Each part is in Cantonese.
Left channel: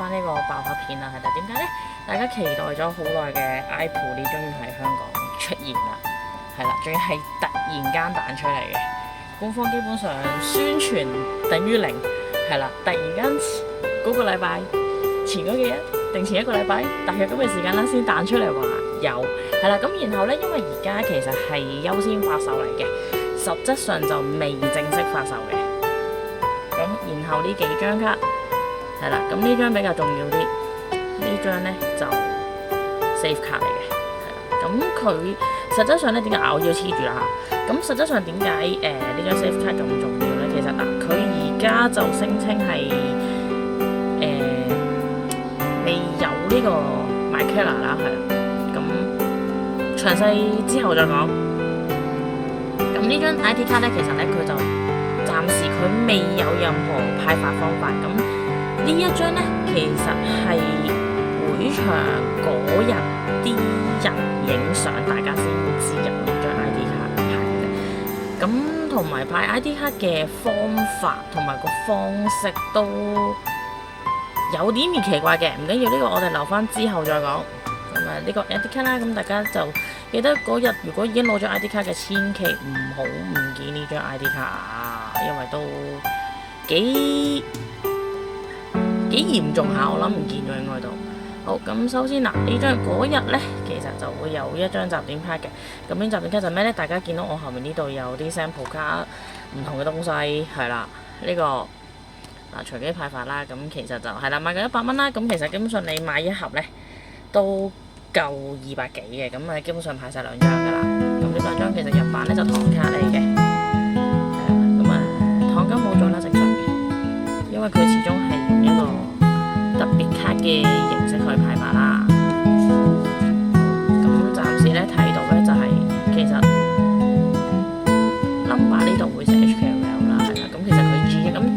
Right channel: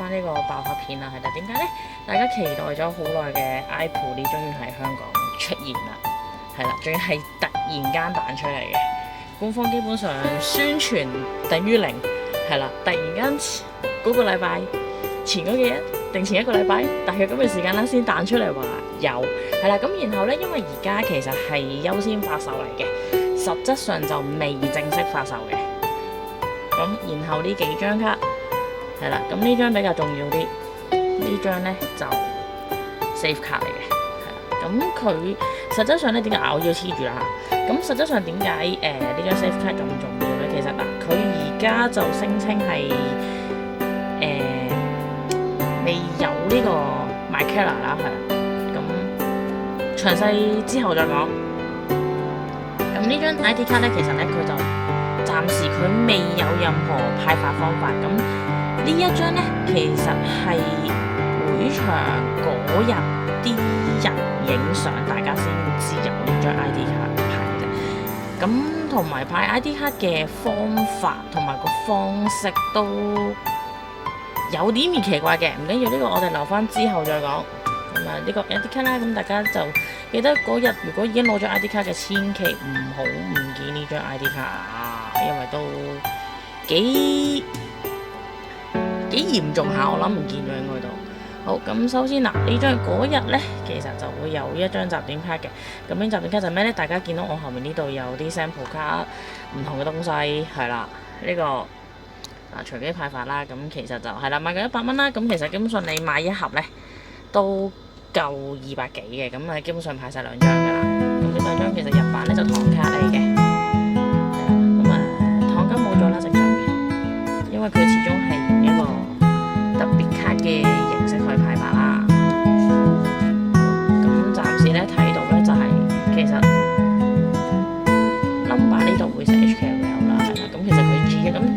翻呢個爆發片啦，係啦，點解呢？大家期待咗好耐嘅 iPod 呢，終於喺香港出現啦，係啦，仲要係突然間彈出嚟嘅，官方基本上宣傳等於零，係啦，突然間嗰個禮拜前嗰幾日定前一個禮拜，大約咁嘅時間啦，先彈出嚟話有，係啦，咁然後呢，因為而家其實係優先發售嚟嘅，實質上就未正式發售嘅。咁然後呢幾張卡係啦，咁呢張比較重要啲，呢張呢就 save 卡嚟嘅，係啦。咁佢實質上呢點解我要黐住啦嚇？咁實質上點解呢張 save 卡咁重要呢？其實嗱，佢而家就聲稱係未有呢個 MyKara 啦，係啦。咁詳細之後再講。咁呢張 ID 卡呢，其實呢，佢就暫時佢未有任何派發方法。咁呢一張呢，其實係會場嗰日啲人影相，大家先知有呢張 ID 卡派嘅。咁同埋派 ID 卡嘅方法同埋個方式都有啲奇怪嘅，唔緊要，呢個我哋留翻之後再講。咁啊，呢個 ID 卡啦，咁大家就記得嗰日如果已經攞咗 ID 卡嘅，千祈唔好唔見呢張 ID 卡啊，因為都幾嚴重下，我諗唔見咗應該都好。咁首先嗱，呢張嗰日呢，其實就會有一張集點卡嘅。咁呢集點卡就咩呢？大家見到我後面呢度有啲 sample 卡，唔同嘅東西係啦，呢個嗱隨機派發啦。咁其實就係啦，買夠100蚊啦。咁其實基本上你買一盒呢，都夠200幾嘅，咁啊基本上派晒2張噶啦。咁呢2張其實日版呢就糖卡嚟嘅，係啦。咁糖金冇咗啦，正常嘅，因為佢始終係用一個特別卡嘅形式去派發啦。好，咁暫時呢睇到呢就係、其實 number 呢度會寫 HKL 啦，係啦。咁其實佢 G 嘅咁。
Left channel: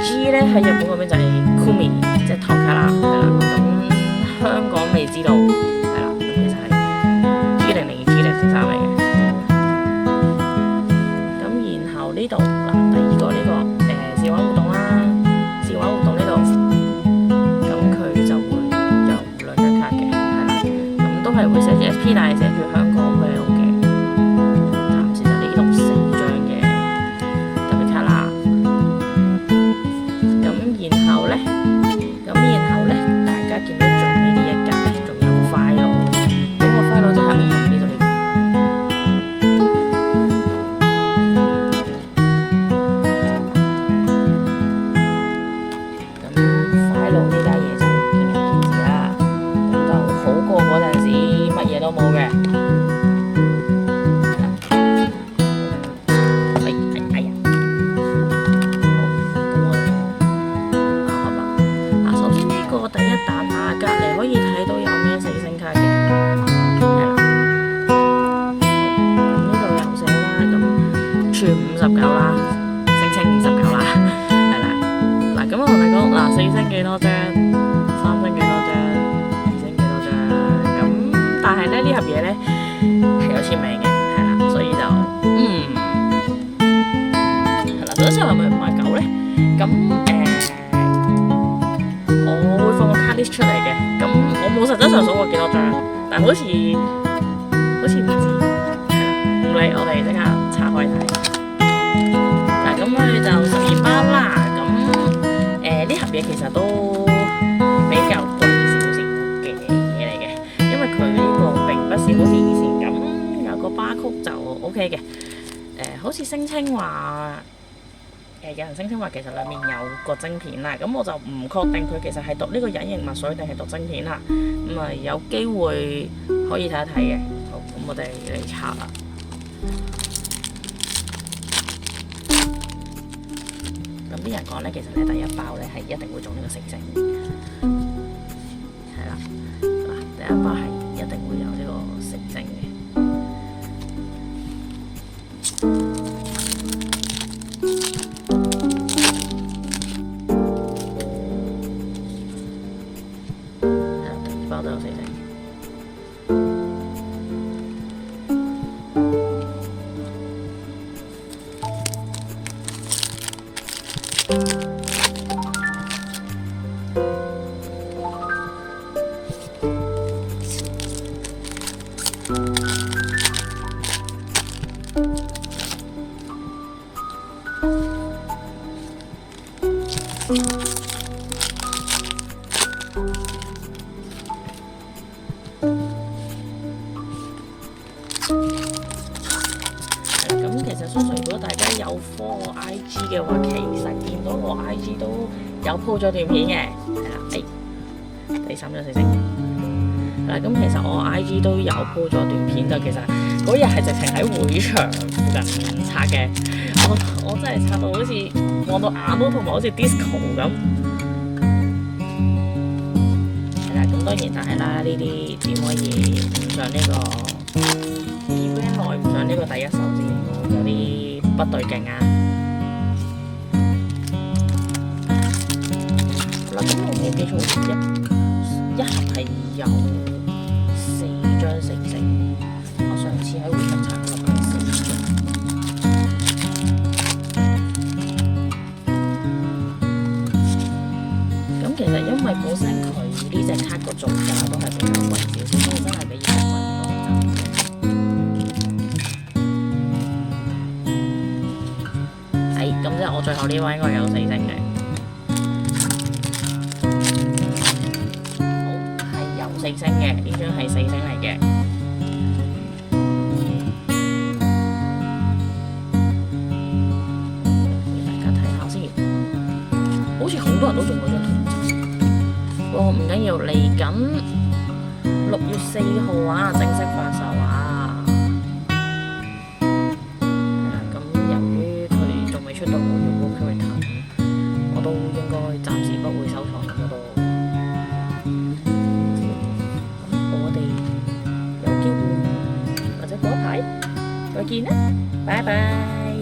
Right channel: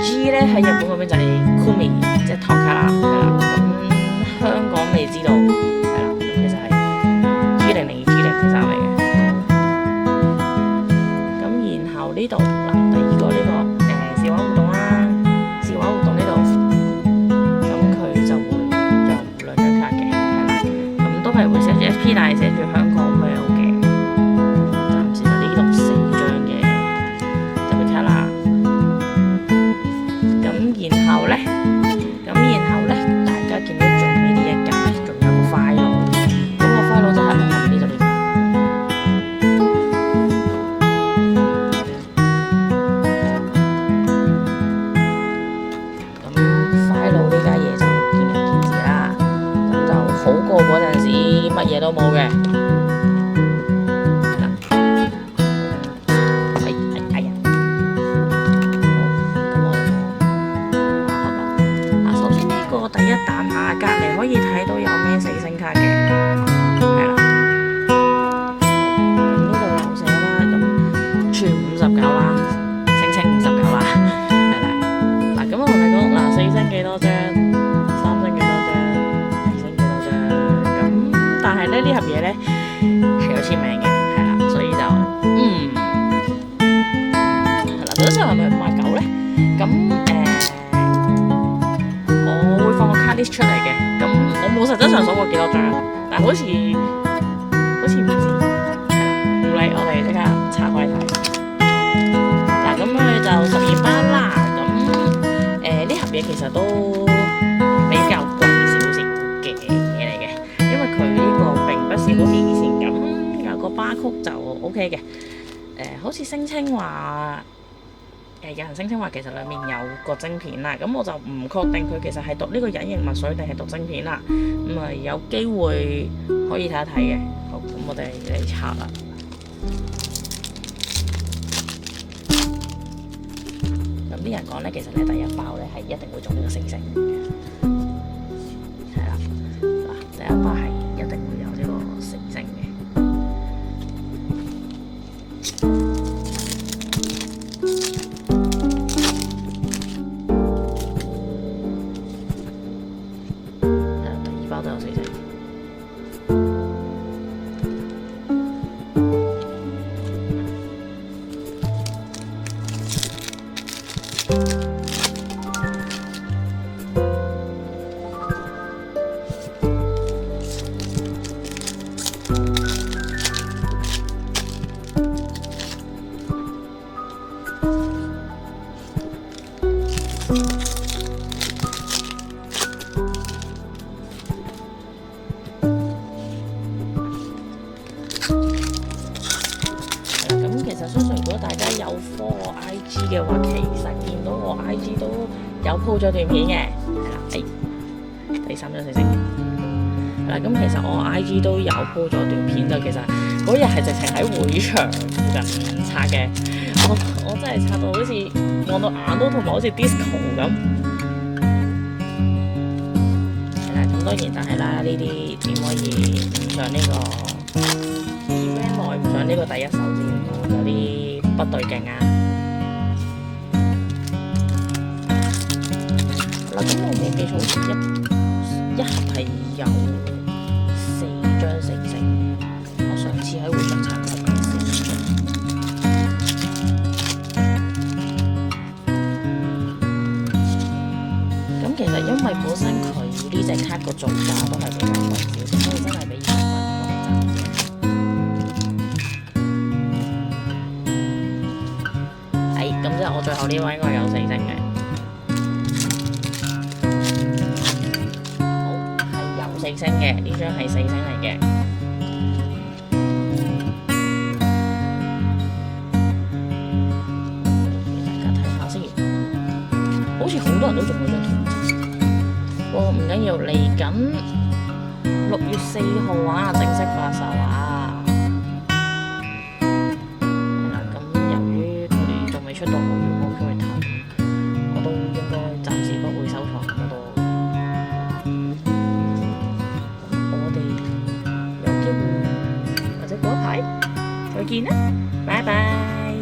G 咧喺日本嗰邊就係 Kumi， 即係糖卡啦，係啦。咁香港未知道，係啦。咁其實係 G002、G003嚟嘅。咁然後呢度嗱，第二個呢個試玩活動啦，試玩活動呢度，咁佢就會有2張卡嘅，係啦。咁都係會寫住 SP， 但係寫住香港 Well 嘅。暫時就呢度4張嘅特別卡啦。咁然後呢，大家見到最尾呢一格呢，仲有個 file 嘅。咁個 file 就係我後面呢度呢個。咁 file 呢家嘢就見仁見智啦。咁就好過嗰陣時乜嘢都冇嘅。嗱，哎呀，好，咁我哋爆盒啦！首先呢個第一彈下隔離可以睇到有咩4星卡嘅，係啦。好，咁呢度有寫啦，咁全59啦，聲稱59啦，係啦。嗱，咁我同你講，嗱4星幾多張，3星幾多張，2星幾多張，咁但係咧呢盒嘢咧係有簽名嘅，係啦，所以就係啦。實際上係咪59咧？咁我會放個卡 list 出嚟嘅，咁我冇實質上數過幾多張，但係好似唔止，係啦，唔理，我哋即刻拆開睇。嗱，咁佢就12包啦，咁呢盒嘢其實都比較貴少少嘅嘢嚟嘅，因為佢呢個並不是好似以前咁有個巴曲就 OK 嘅，好似聲稱話。有人聲稱話其實裡面有個晶片啦，咁我就唔確定佢其實係讀呢個隱形墨水定係讀晶片啦，咁啊有機會可以睇一睇嘅。好，咁我哋嚟拆啦。咁啲人講咧，其實咧第一包咧係一定會中呢個4星嘅，係啦，嗱第一包係一定會有呢個4星嘅。都有4星，相信如果大家有 follow 我 IG 嘅話，其實見到我 IG 都有 po 咗段片嘅，係啦，第三張星星。係啦，咁其實我 IG 都有 po 咗段片，就其實嗰日係直情喺會場附近拆嘅，我真係拆到好似望到眼都同埋好似 disco 咁。係啦，咁當然但係啦，呢啲點可以唔上呢個 event 內唔上呢個第一手資料，有啲不對勁啊！好啦，咁我冇記錯，好似一盒係有4張4星，我上次喺會場查嗰盒係4張。咁其實因為本身佢呢隻卡個造價都係比較貴少少，所以真係比以前貴好多係真嘅。咁即係我最後呢位應該有4星嘅。好，係有4星嘅，呢張係4星嚟嘅。俾大家睇下先。好似好多人都中咗張圖仔，唔緊要，嚟緊6月4號啊，正式發售啊，係啦。咁由於佢仲未出到我要嗰個 character，咁我都應該暫時不會收藏咁多。咁我哋有機會或者嗰一排再見啦，拜拜。